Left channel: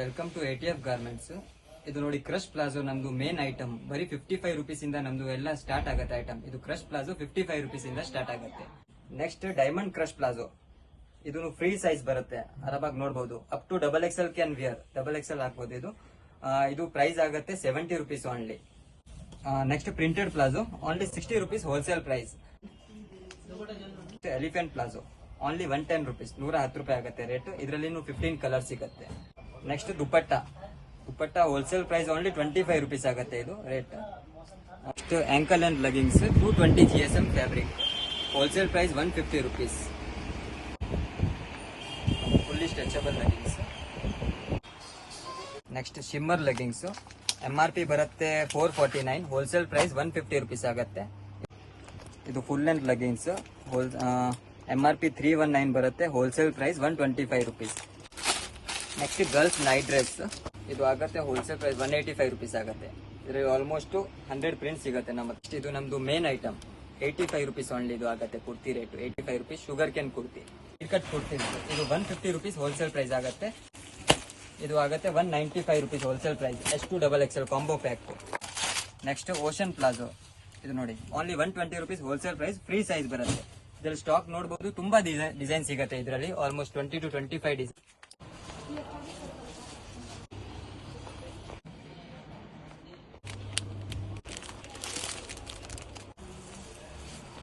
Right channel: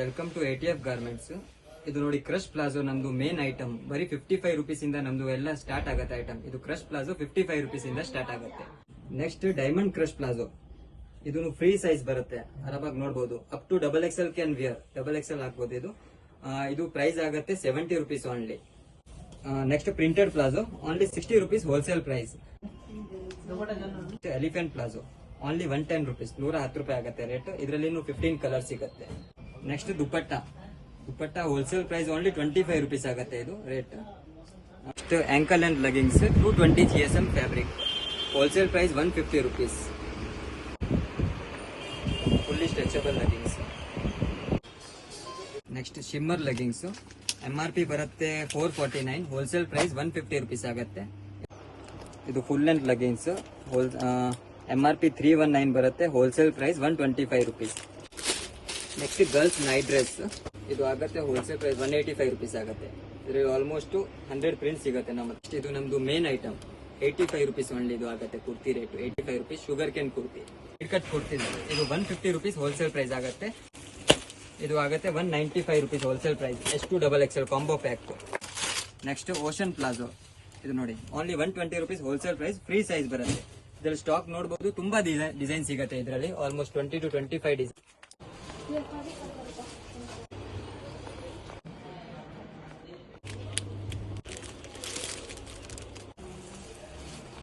Welcome to ATF garments. ಇದು ನೋಡಿ crush palazzo ನಮ್ದು ಮೇನ್ ಐಟಮ್. ಬರೀ 55 ರೂಪೀಸ್ ಇಂದ ನಮ್ದು ಎಲ್ಲ ಸ್ಟಾರ್ಟ್ ಆಗುತ್ತೆ ಐಟಮ್. ಇದು ಕ್ರಶ್ ಪ್ಲಾಜೋ 55 ರೂಪೀಸ್ ಇಂದ ಸ್ಟಾರ್ಟ್ ಆಗುತ್ತೆ. Next diamond crush palazzo. ಇದು ಫ್ರೀ ಸೈಜ್ ಬರುತ್ತೆ, ಆರಾಮಾಗಿ ನೋಡಬಹುದು. Up to XXL can wear, XXL ಹಾಕಬಹುದು. ಇದು ಪ್ರೈಸ್ ಆಗುತ್ತೆ 70 rupees only. Next printed palazzo only 60 rupees wholesale price. Elephant palazzo only 110 rupees, 110 ರೂಪಾಯಿ ಆಗುತ್ತೆ ರೇಟ್. ಇದರಲ್ಲಿ 15 ಕಲರ್ ಸಿಗುತ್ತೆ. Next dupatta wholesale price only 25 rupees ಆಗುತ್ತೆ ಇದು rate. Next ankle and leggings 220 GSM fabric, wholesale price 150 rupees. Fully stretchable leggings. Next shimmer leggings, MRP ಬರುತ್ತೆ 449, wholesale price 150 rupees ಆಗುತ್ತೆ. ಇದು full length leggings, MRP 319 ಬರುತ್ತೆ, wholesale price 125 rupees. Next girls night dress, ಇದು ಆಗುತ್ತೆ wholesale price 185 rupees ಆಗುತ್ತೆ. ಇದರಲ್ಲಿ almost 100 print ಸಿಗುತ್ತೆ ನಮ್ಮ. ಇದು ನಮ್ದು ಮೇನ್ ಐಟಮ್ 85 ರೂಪೀಸ್ ಓನ್ಲಿ. ಇದು ಆಗುತ್ತೆ kurti rate 85 rupees. Sugarcane kurti, cut kurti, ಇದು 150 ರೂಪೀಸ್ ಹೋಲ್ಸೇಲ್ ಪ್ರೈಸ್ ಆಗುತ್ತೆ. ಇದು ಆಗುತ್ತೆ 195 rupees wholesale price. S2XXL combo pack. Next ocean palazzo, ಇದು ನೋಡಿ only 120 rupees wholesale price. Free size ಬರುತ್ತೆ. ಇದರಲ್ಲಿ ಸ್ಟಾಕ್ ನೋಡಬಹುದು, ತುಂಬಾ ಡಿಸೈನ್ ಸಿಗುತ್ತೆ ಇದರಲ್ಲಿ. Almost 20 to 25 design.